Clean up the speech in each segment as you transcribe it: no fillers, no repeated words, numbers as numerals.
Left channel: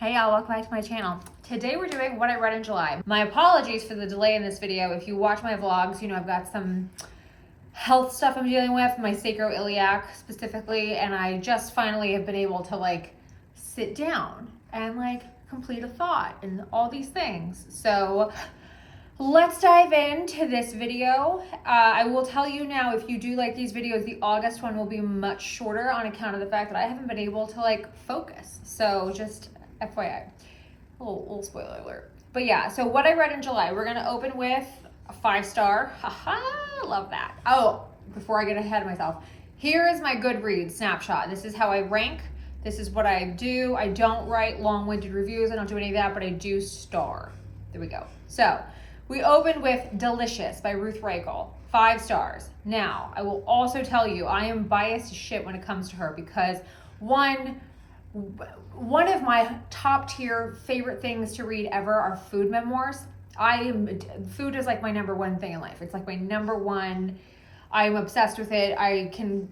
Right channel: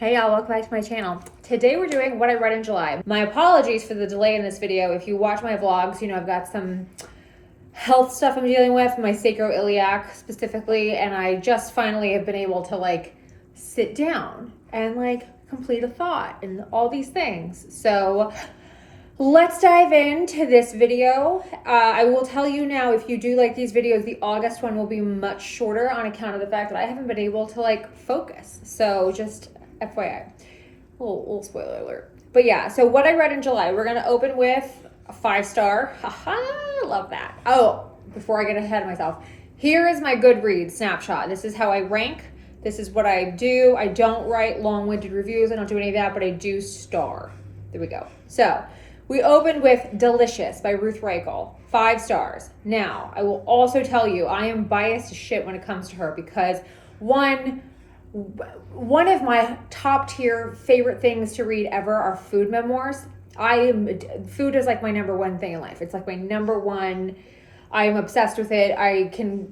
Hey y'all, welcome back to my channel. Today we're doing what I read in July. My apologies for the delay in this video. If you watch my vlogs, you know I've got some health stuff I'm dealing with, my sacroiliac specifically, and I just finally have been able to like sit down and like complete a thought and all these things. So let's dive into this video. I will tell you now, if you do like these videos, the August one will be much shorter on account of the fact that I haven't been able to like focus. So just FYI, little spoiler alert. But yeah, so what I read in July, we're gonna open with a 5-star. Haha, love that. Oh, before I get ahead of myself, here is my Goodreads snapshot. This is how I rank. This is what I do. I don't write long-winded reviews. I don't do any of that, but I do star. There we go. So we opened with Delicious by Ruth Reichl, 5 stars. Now, I will also tell you, I am biased as shit when it comes to her because one of my top tier favorite things to read ever are food memoirs. Food is like my number one thing in life. It's like my number one. I am obsessed with it. I can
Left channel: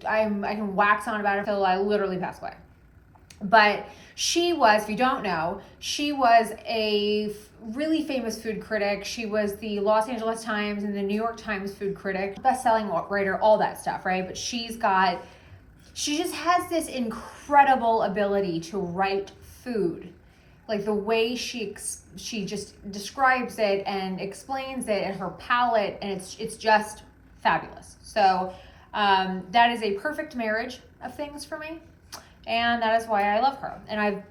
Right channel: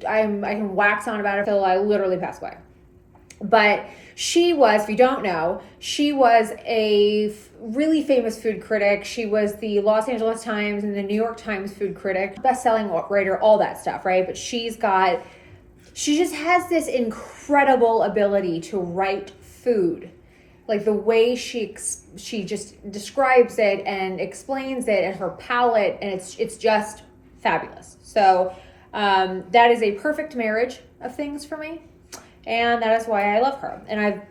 wax on about it until I literally pass away. But she was, if you don't know, she was a really famous food critic. She was the Los Angeles Times and the New York Times food critic, best-selling writer, all that stuff, right? But she just has this incredible ability to write food. Like the way she just describes it and explains it and her palate, and it's just fabulous. So that is a perfect marriage of things for me. And that is why I love her. And I've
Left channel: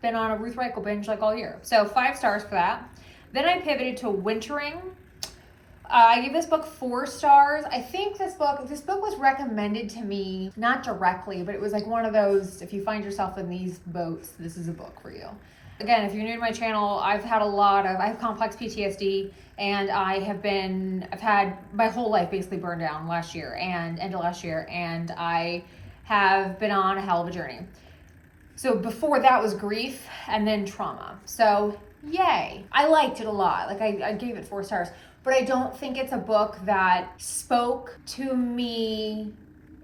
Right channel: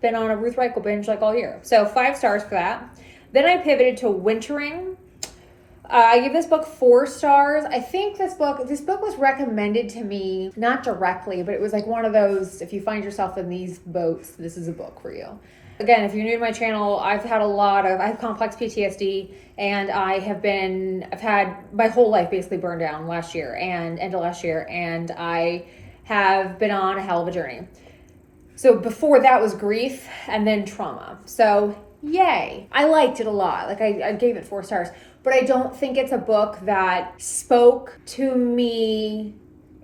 been on a Ruth Reichl binge like all year. So 5 stars for that. Then I pivoted to Wintering. I gave this book 4 stars. I think this book was recommended to me, not directly, but it was like one of those, if you find yourself in these boats, this is a book for you. Again, if you're new to my channel, I have complex PTSD, and I've had my whole life basically burned down last year and end of last year, and I have been on a hell of a journey. So before that was grief and then trauma. So yay. I liked it a lot. Like I gave it 4 stars. But I don't think it's a book that spoke to me.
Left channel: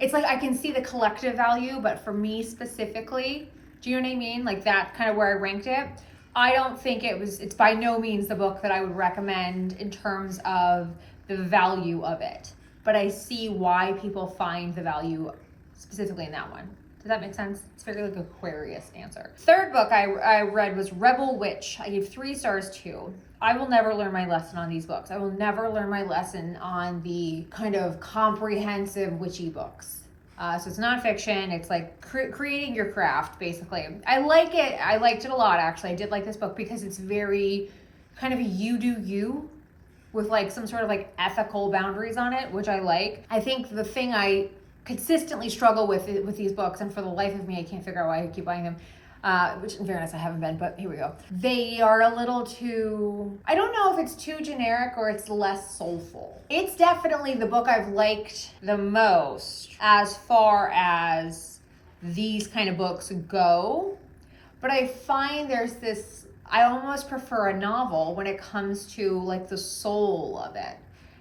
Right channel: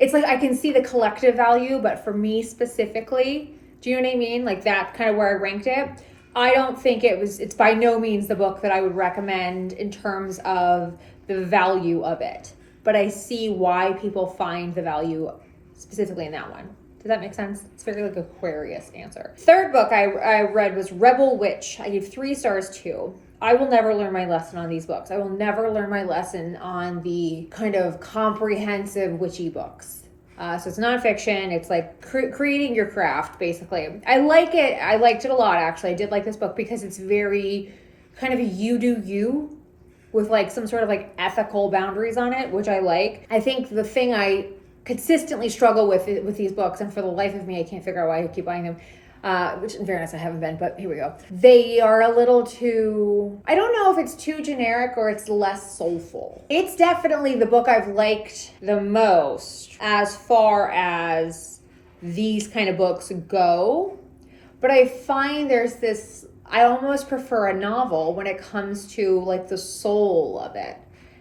It's like I can see the collective value, but for me specifically, do you know what I mean? Like that kind of where I ranked it. I don't think it's by no means the book that I would recommend in terms of the value of it. But I see why people find the value specifically in that one. Does that make sense? It's very like Aquarius answer. Third book I read was Rebel Witch. I gave 3 stars too. I will never learn my lesson on these books. I will never learn my lesson on the kind of comprehensive witchy books. So it's nonfiction. It's like creating your craft, basically. I like it. I liked it a lot, actually. I did like this book because it's very kind of you do you with like some sort of like ethical boundaries on it, which I like. I think the thing I consistently struggle with these books, and for the life of me, I can't figure out why I keep buying them. Which in fairness, I haven't been, but here we go. They are a little too, I don't know if it's too generic or it's less soulful. It's definitely the book I've liked the most as far as these kind of books go. But I find I almost prefer a novel when it comes to like the soul of it.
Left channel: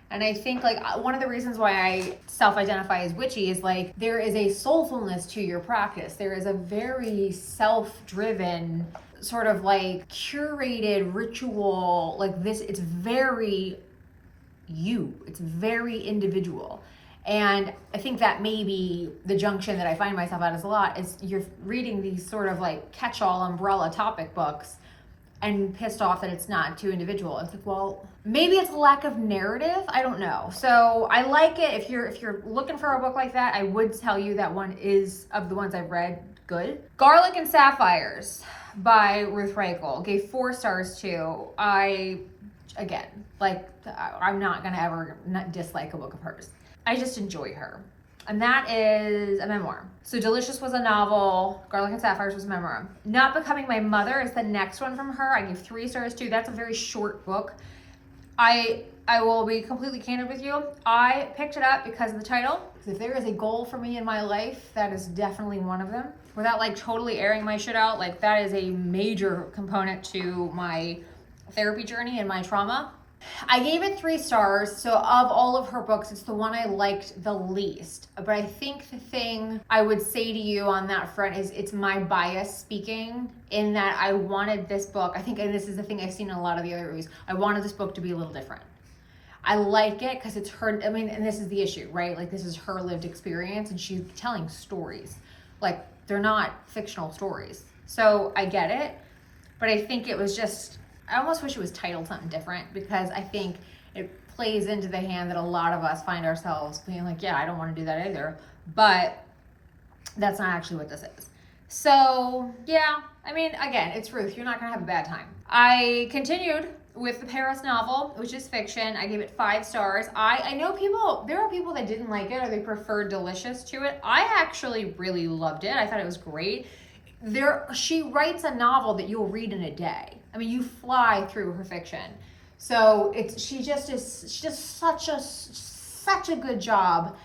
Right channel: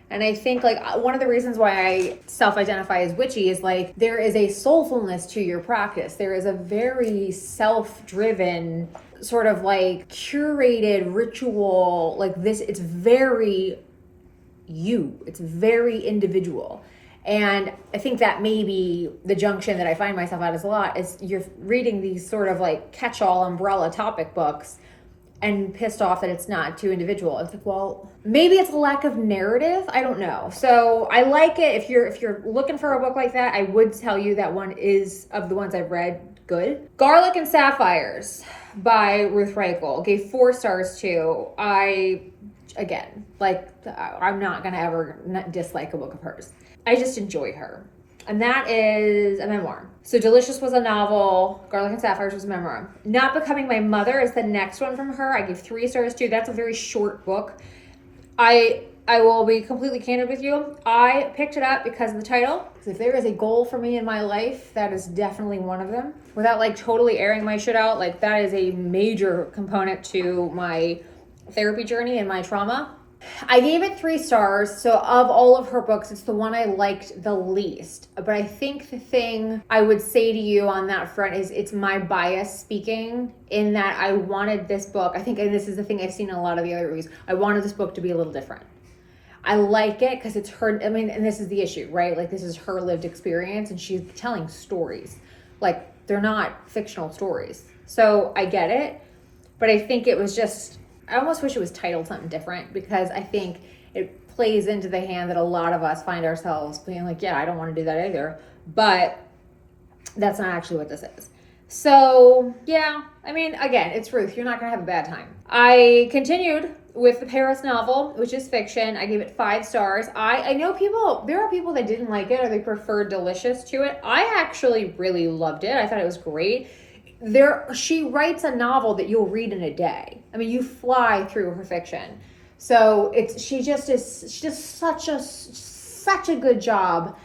And I think like one of the reasons why I self-identify as witchy is like there is a soulfulness to your practice. There is a very self-driven sort of like curated ritual like this. It's very you. It's very individual. And I think that maybe the junction that I find myself at is a lot is you're reading these sort of like catch-all umbrella topic books and pissed off that it's not too individual. It's like, well, maybe it's a lack of narrative. I don't know. So I like it. If you're looking for a book like that, I would tell you that one is, of the ones I've read, good. Garlic and Sapphires by Ruth Reichl. Gave 4 stars too. I'm not gonna ever dislike a book of hers. I just enjoy her. And that is a memoir. So Delicious was a novel. Garlic and Sapphires was a memoir. Not Becoming My Mother is the next one from her. I gave 3 stars too. That's a very short book. I will be completely candid with you. I picked it up because of the title. Because if there is a goal for me in my life, that is definitely one of them. Without like totally airing my shit out, like that is a major component to my therapy journey and my trauma. I gave it 3 stars. So of all of her books, it's the one I liked the least. But I think the thing I would say to you on that front is it's my bias speaking, in that I wanted this book, I think, and this is the thing I've seen in a lot of the other reviews, I wanted this book to be a little different. I like it because it's her, I mean, and this is the issue, right? Like, this is her lived experience and she's telling stories. Like, they're not fictional stories. So I get it, but I think it was just, I almost wish it was titled something different, because I think it plays into the hand that a lot of us find ourselves being like, yeah, I don't want to do that either. But that's not actually what this is. So yeah, I mean, again, it's Ruth. You're not going to have a bad time. I continued with the Paris novel, which is fiction. I gave it 5 stars. I know there are people that didn't like it or they preferred Delicious to it. I actually really loved it. I thought it was great. She writes a novel that you'll read in a day. I mean, you fly through her fiction. So she does such a good job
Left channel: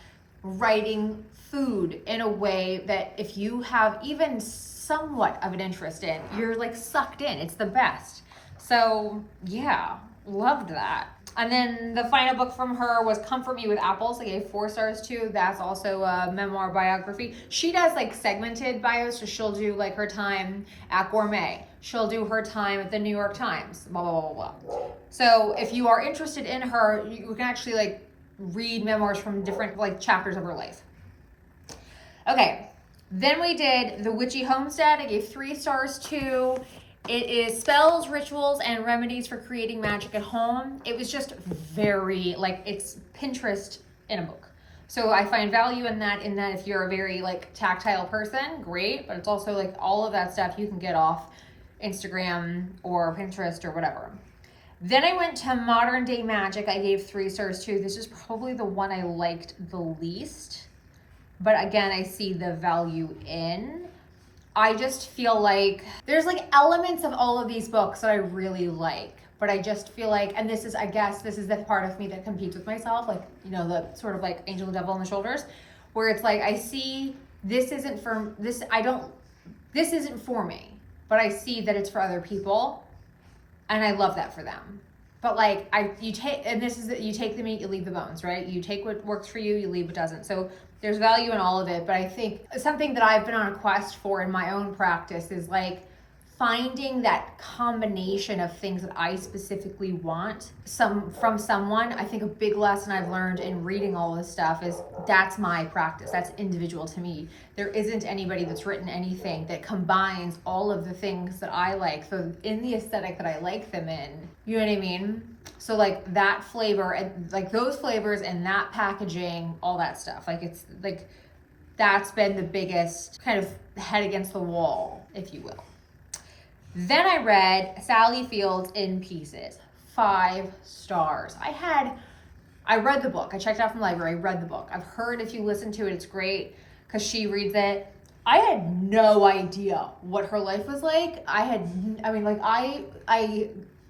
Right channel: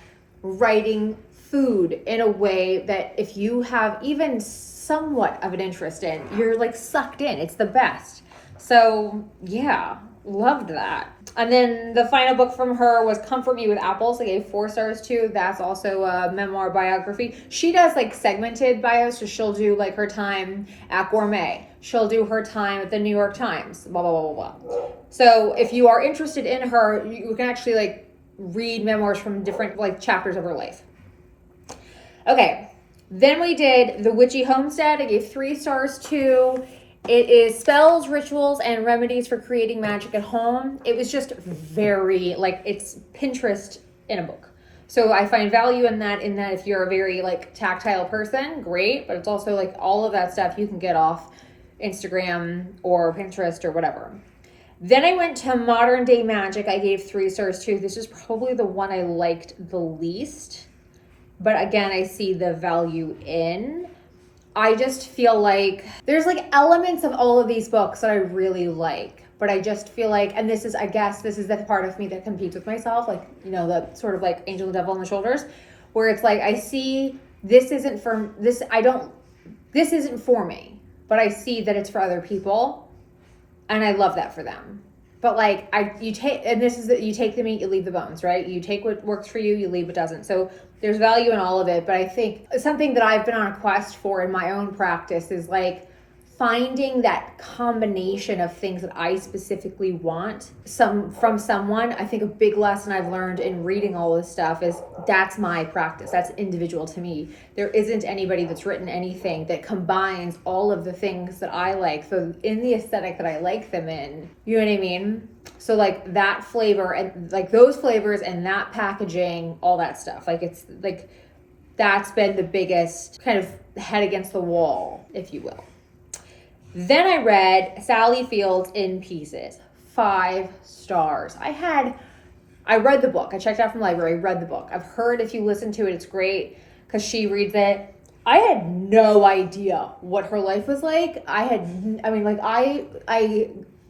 writing food in a way that if you have even somewhat of an interest in, you're like sucked in. It's the best. So yeah, loved that. And then the final book from her was Comfort Me with Apples. I gave 4 stars to. That's also a memoir biography. She does like segmented bios, so she'll do like her time at Gourmet. She'll do her time at the New York Times, blah, blah, blah, blah, blah. So if you are interested in her, you can actually like read memoirs from different like chapters of her life. Okay, then we did the Witchy Homestead. I gave 3 stars to. It is spells, rituals, and remedies for creating magic at home. It was just very, like, it's Pinterest in a book. So I find value in that if you're a very, like, tactile person, great. But it's also, like, all of that stuff you can get off Instagram or Pinterest or whatever. Then I went to Modern Day Magic. I gave 3 stars too. This is probably the one I liked the least. But again, I see the value in. I just feel like there's like elements of all of these books that I really like, but I just feel like, and this is, I guess, this is the part of me that competes with myself, like, you know, the sort of like angel and devil on the shoulders, where it's like, I see this isn't for me, but I see that it's for other people, and I love that for them. But like, you take the meat, you leave the bones, right? You take what works for you, you leave what doesn't. So there's value in all of it. But I think something that I've been on a quest for in my own practice is like finding that combination of things that I specifically want from someone. I think a big lesson I've learned in reading all this stuff is that's my practice. That's individual to me. There isn't anybody that's written anything that combines all of the things that I like. So in the aesthetic that I like them in, you know what I mean? So like that flavor and like those flavors and that packaging, all that stuff. Like it's like, that's been the biggest kind of head against the wall, if you will. Then I read Sally Field's In Pieces, 5 stars. I read the book. I checked out from the library, read the book. I've heard if you listen to it, it's great because she reads it. I had no idea what her life was like. I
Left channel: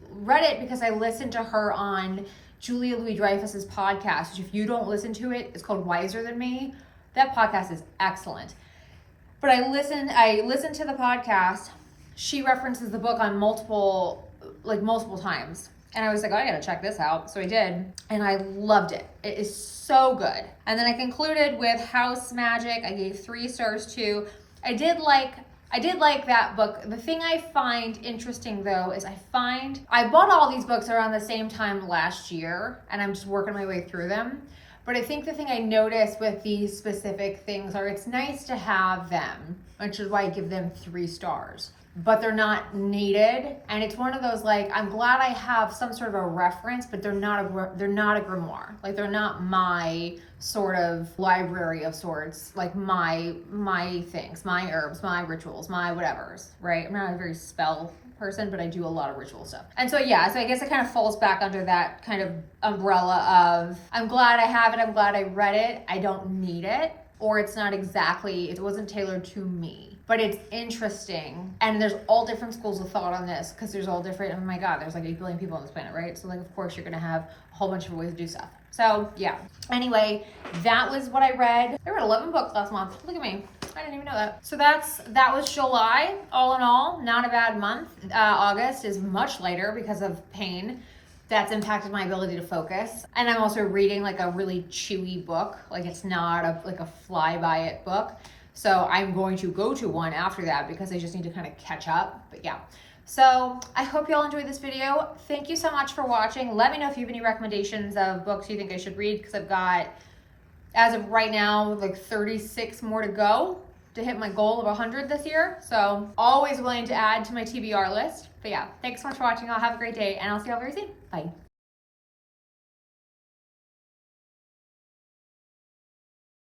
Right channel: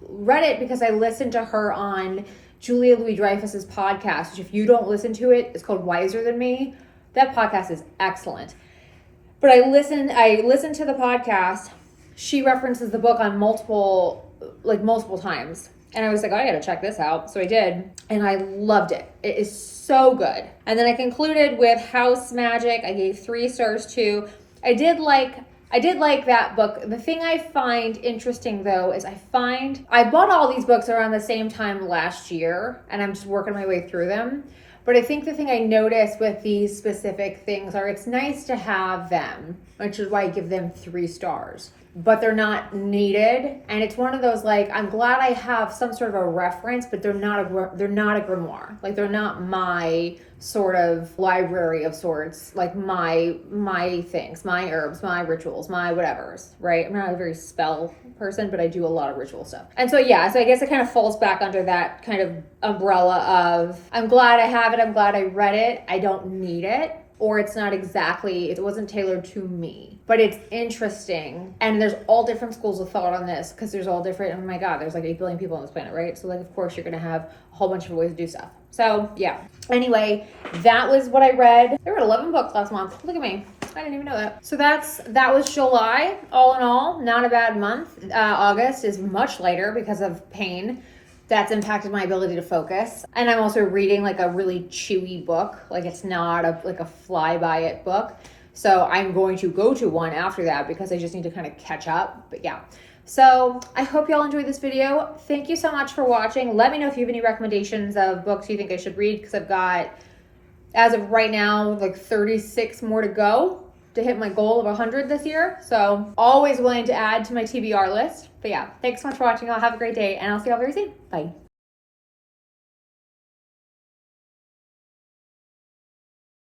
read it because I listened to her on Julia Louis-Dreyfus's podcast, which if you don't listen to it, it's called Wiser Than Me. That podcast is excellent. But I listened to the podcast. She references the book on multiple times. And I was like, oh, I gotta check this out. So I did, and I loved it. It is so good. And then I concluded with House Magic. I gave 3 stars too. I did like that book. The thing I find interesting though is I bought all these books around the same time last year, and I'm just working my way through them. But I think the thing I noticed with these specific things are it's nice to have them, which is why I give them 3 stars. But they're not needed, and it's one of those like I'm glad I have some sort of a reference, but they're not a grimoire. Like they're not my sort of library of sorts. Like my things, my herbs, my rituals, my whatevers. Right? I'm not a very spell person, but I do a lot of ritual stuff. And so yeah, so I guess it kind of falls back under that kind of umbrella of I'm glad I have it. I'm glad I read it. I don't need it. Or it wasn't tailored to me, but it's interesting. And there's all different schools of thought on this because there's all different, oh my God, there's like 8 billion people on this planet, right? So like, of course you're going to have a whole bunch of ways to do stuff. So yeah, anyway, that was what I read. I read 11 books last month. Look at me. I didn't even know that. So that was July. All in all, not a bad month. August is much lighter because of pain. that's impacted my ability to focus. And I'm also reading like a really chewy book. Like it's not like a fly by it book. So I'm going to go to one after that because I just need to kind of catch up. But yeah. So I hope y'all enjoyed this video. Thank you so much for watching. Let me know if you have any recommendations of books you think I should read, because I've got, as of right now, like 36 more to go to hit my goal of 100 this year. So always willing to add to my TBR list. But yeah, thanks so much for watching. I'll have a great day, and I'll see y'all very soon. Bye.